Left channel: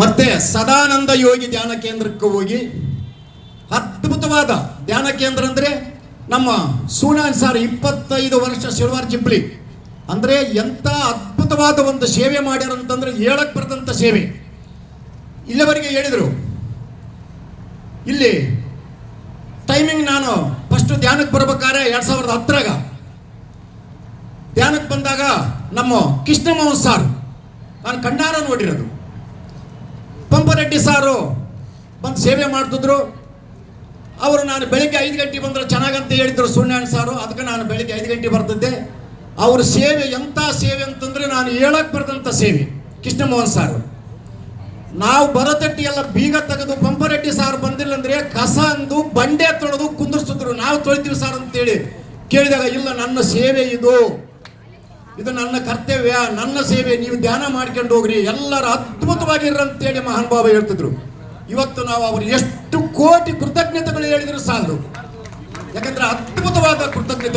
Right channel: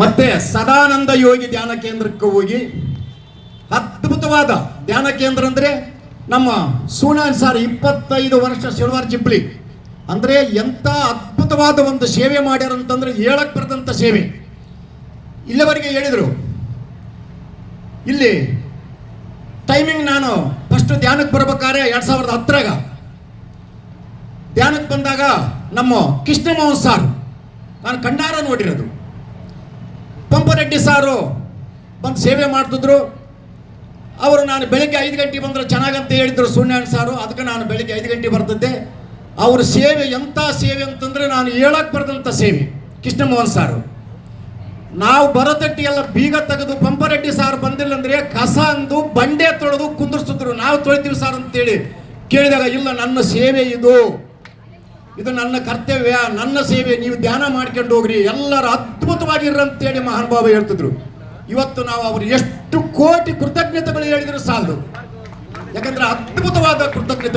ಮತ್ತೆ ಸದಾನಂದ ಯೋಗಿ ಧ್ಯಾನ ಕೇಂದ್ರಕ್ಕೆ ಹೋಗಿ ಅದ್ಭುತವಾದ ಧ್ಯಾನ ಕೇಂದ್ರ ಅಂದ್ರೆ ನಮ್ಮ ಸೂಣಾನ್ ಸಾರ್ 25 ವರ್ಷ ಸಿಲ್ವರ್ ಜಿಬ್ಲಿ ಅಂದ್ರೆ ಎಂತ ಅದ್ಭುತವಾದ ಒಂದು ಸೇವೆ ಮಾಡ್ಯಾರ ಅಂತಂದ್ರೆ ಹೇಳಕ್ ಬರದಂತ ಸೇವೆ. ಇಲ್ಲಿವರೆಗೆ ಹೇಳಿದ್ರು. ಇಲ್ಲಿ ಟೈಮಿಂಗ್ ನಾನು ಫಸ್ಟ್ ಧ್ಯಾನಕ್ಕೆ ಬರ್ಬೇಕಾದ್ರೆ 2010 ಧ್ಯಾನಕ್ಕೆ ಬಂದಾಗ ನಮ್ಮ ಕೃಷ್ಣಮೋಹನ್ ಸಾರ್ ನಾನು ಕಣ್ಣಾರ ನೋಡಿರೋದು. ಪಂಪರೆಡ್ಡಿ ಸಾರು ಬಂದು ಸೇವೆ ಮಾಡ್ತಿದ್ರು. ಅವರು ನಾನು ಬೆಳಿಗ್ಗೆ 5 ಗಂಟೆ ಬಂದ್ರೆ ಚೆನ್ನಾಗಂತ ಹೇಳಿದ್ರು ಸೂರ್ಯನಾರಾಯಣ ಸಾರು. ಅದಕ್ಕೆ ನಾನು ಬೆಳಿಗ್ಗೆ 5 ಗಂಟೆ ಬರ್ತಿದ್ದೆ. ಅವ್ರ ಸೇವೆ ಎಂಥ ಸೇವೆ ಅಂತಂದ್ರೆ ನಾನು ಹೇಳಕ್ ಬರದಂತ ಸೇವೆ. ಕೃಷ್ಣಮೋಹನ್ ಸಾರು ನಾವು ಬರೋತಟ್ಟಿ ಎಲ್ಲ ಬೀಗ ತೆಗೆದು ಪಂಪರೆಡ್ಡಿ ಸಾರು ಬಂದಿಲ್ಲ ಅಂದ್ರೆ ಕಸ ಅಂದು ಬಂಡೆ ತೊಳೆದು ಕುಂದಿರ್ಸಿದ್ರು. ನಾವು ತೊಳಿತೀವಿ ಸಾರ್ ಅಂತೇಳಿ ಕೇಳಿದಾಗ ಇಲ್ಲ, ನನ್ನ ಸೇವೆ ಇದು ನನ್ನ ಕರ್ತವ್ಯ, ನನ್ನ ಸೇವೆ, ನೀವು ಧ್ಯಾನ ಮಾಡ್ಕೊಂಡು ಹೋಗ್ರಿ, ಎಲ್ಲರೂ ಅದ್ಭುತವಾಗಿರ್ರಂತೇಳಿ ಮಹಾನುಭಾವ ಹೇಳ್ತಿದ್ರು. ಇವತ್ತು ನಾವು ಅವರು ಎಷ್ಟು ಕೋಟಿ ಕೃತಜ್ಞತೆಗಳು ಹೇಳಿದ್ರು ಸಾಲದು. ಯಾಕಂದ್ರೆ ಅದ್ಭುತವಾದ ಕೃತಜ್ಞತೆ.